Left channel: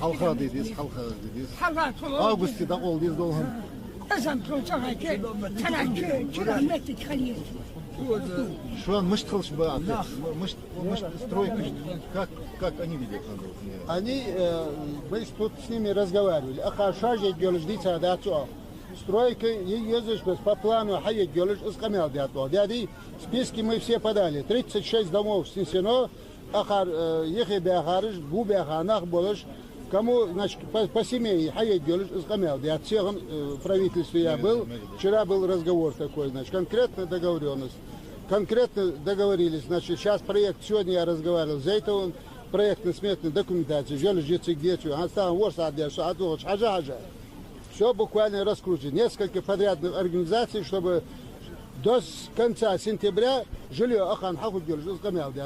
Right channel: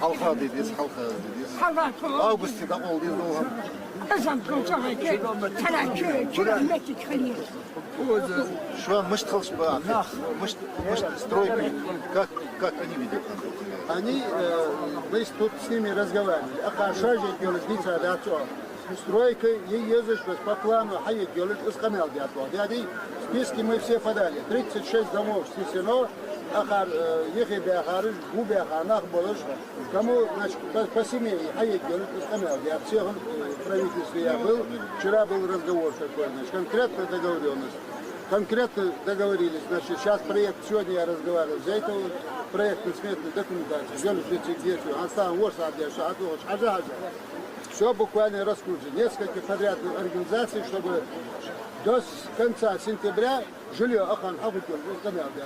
Halka dediyiz, halka dediyiz. Avgust'ta olduğu dolhum. Что мышц была? Мышц стройка. Как они видят? Они, мы тут с ними разговаривали. Ахашажи геологица датчо. Стройка ездишь по плану, хай геолог искамел датчо. Дяди списки мы все подали. 36 домов снесено. Ахар ехеби ахарыш, буби аханах болыш. Кому, значит, по семье хай геолог искамел. Я всех правительстве я был. Вчера был разговор такой, значит, конкретно договоренность. Конкретно договорились, значит, сейчас проект, сегодня я разговаривал, за это проектно-сметную документацию, все буквально раскручено. Несколько подрядных организаций, чтобы до конца сентября жилье Ахан Хабудгел